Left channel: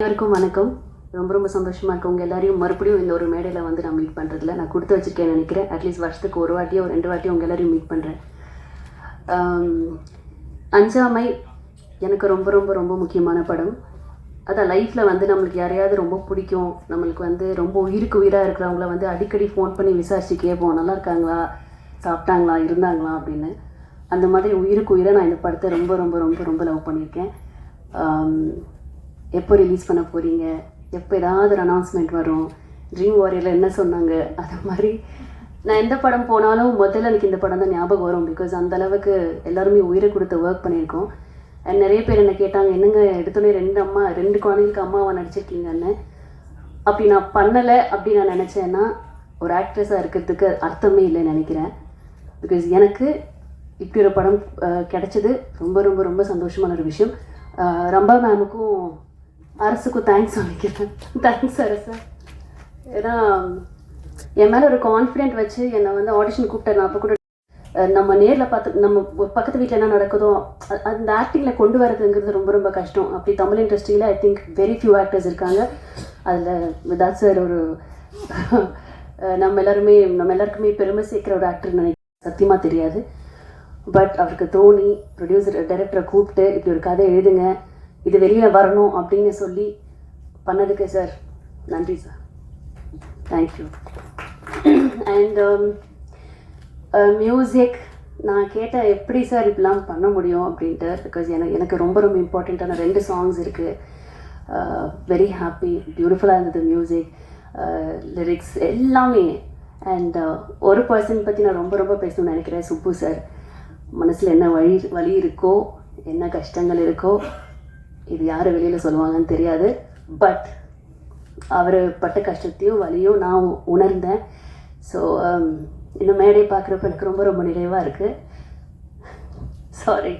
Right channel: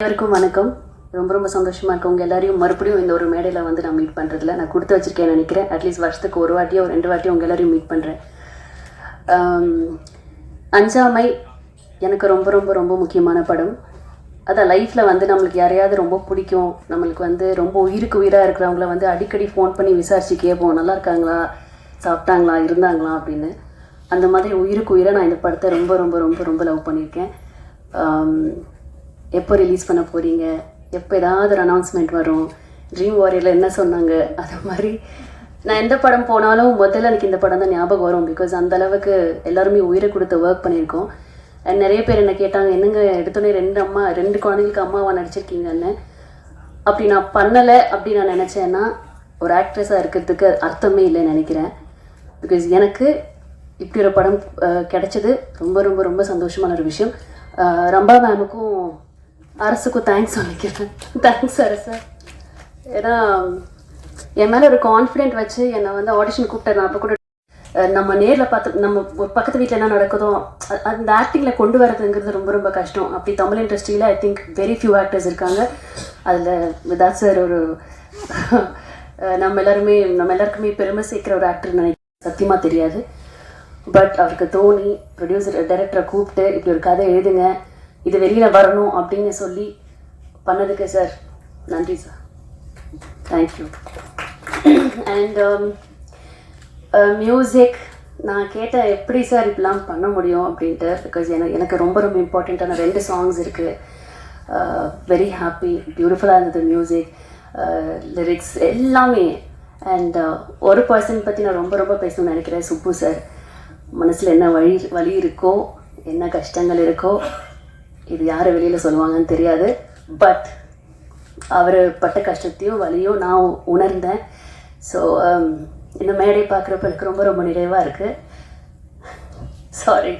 எல்லாருக்கும் வணக்கம். ரொம்ப ரொம்ப சந்தோஷமாக இருக்கும் உங்கள் எல்லாரையும் மறுபடியும் இந்த ஒரு மேடையில் வந்து நான் மீட் பண்ணுறதில்ல. நான் கொடுத்து வச்சுருக்கேன்னு நினைக்கிறேன். அட்லீஸ்ட் வருஷத்துக்கு ஒரு வாட்டியோ 2 வாட்டியோ உங்கள் எல்லாரையும் மீட் பண்ணுறேன். அஞ்சாமை எனக்கு ரொம்ப ரொம்ப ரொம்ப முக்கியமான படம். அதான் லைஃப்பில் வந்து நம்மளுக்கு யாரையாவது ரொம்ப பிடிக்கும், நம்மளுக்கு வந்து ரொம்ப உயிருக்கு உயிராக இருக்கிறவங்கள வந்து அடிக்கடி ஃபோன் பண்ணி விசாரிச்சு கேட்போம், நல்லா இருக்காங்களா, சாப்பிட்டாங்களா, இருந்தாங்களா அப்படின்னு. அந்த மாதிரி உயிருக்கு உயிராக நான் இந்த படத்தை ரொம்ப ரொம்ப ரொம்ப ரொம்ப லவ் பண்ணியிருக்கேன். எப்போ ரிலீஸ் பண்ண போகிறீங்க, எப்போ ஏதாவது ஒரு அனௌன்ஸ்மெண்ட் வரும், ட்ரீம் வாரியரில் என்ன சொன்னாங்க, அது மாதிரி நான் எந்த படம் போனாலும் முதல்ல எனக்கு இந்த படம் தான் ஞாபகம் வரும். பிகாஸ் அந்தளவுக்கு எல்லாருமே உயிரை கொடுத்து ஒர்க் பண்ணியிருக்கோம். அண்ட் நிறைய பேர் என்ன கேட்டாங்க, என்னங்க எடுத்தோடனே 2 குழந்தைங்களுக்கு அம்மாவாக நடிச்சிருக்கீங்கன்னு. அப்படி நான் பண்ணலை அப்படி நான் நினச்சேன்னா ஒரு ஆக்ட்ரஸாக இருக்கிறதுக்கு அர்த்தமே இல்லைன்னு நினைக்கிறேன். பிகாஸ் எனக்கு இப்படி ஒரு படம் கிடைச்சது ரொம்ப ரொம்ப ரொம்ப சந்தோஷமான ஒரு விஷயம். ரம்பா மேமுக்கும் அரசுக்கும் தேங்க்ஸ் சொல்லிக்கிறேன். தேங்க்ஸ் அரசு. ஏன்னா என் மேலே ஒரு கான்ஃபிடென்ட் வச்சு என்னை வந்து ஆடிஷன் கூப்பிட்டேன். நான் அப்போ கூட நம்ம நேரில் பார்த்து நம்ம ஒரு பக்கத்து வீட்டில் என்ன நடக்குதோ அந்த ஆக்டிங்கில் கொண்டு வரதுங்கிறது ரொம்ப ரொம்ப கஷ்டம். அப்படி தமிழ் இண்டஸ்ட்ரியில் I think very few actors இருக்காங்க. அதில் விதாத் சார் ஒரு நம்ம எல்லாருக்குமே பெருமை சேர்க்குற ஒரு ஆக்டர் நினைக்கிறேன். சத்தியமாக தெரியாது. பட் அவருக்கு தோணி ப்ரொடியூசர் டைரக்டரை கூப்பிட்டு இப்படி ஒரு கதை எழுதுங்க, இது வெளியில் வரணும் அப்படின்னு சொல்லி பண்ணதுக்கு சார் நன்றி சார். தேங்க்யூ. அண்ட் மியூசிக் நான் கேட்டேன், எப்படி சார் இப்படிலாம் பண்ண முடியும் அப்படின்ட்டு. பிகாஸ் எனக்கு ரொம்ப ரொம்ப இம்பார்ட்டண்ட்டான 2 சாங்ஸ் இருக்குது. வெரி ஹாப்பி, பியூட்டிஃபுல்லாக இருந்தது மியூசிக், லிரிக்ஸ் எல்லாமே. அண்ட் ஒரு பர்சன் பற்றி நான் ரொம்ப ரொம்ப பேசணும்னு நினைக்கிறேன், சுப்பு சார். மனசில் என்ன வலி இருக்கோ, என்ன கஷ்டங்கள் இருக்கோ, இது யார் வெளியில் சொல்லுவாங்கன்னு தெரியாது. பட் அவர் பட்ட கஷ்டத்தையும் வலியும் நான் உணர்ந்தேன். ஸோ இந்த மேடை பார்க்குறப்ப எனக்கு ரொம்ப ரொம்ப நிறைவாக இருக்குது. சாரி.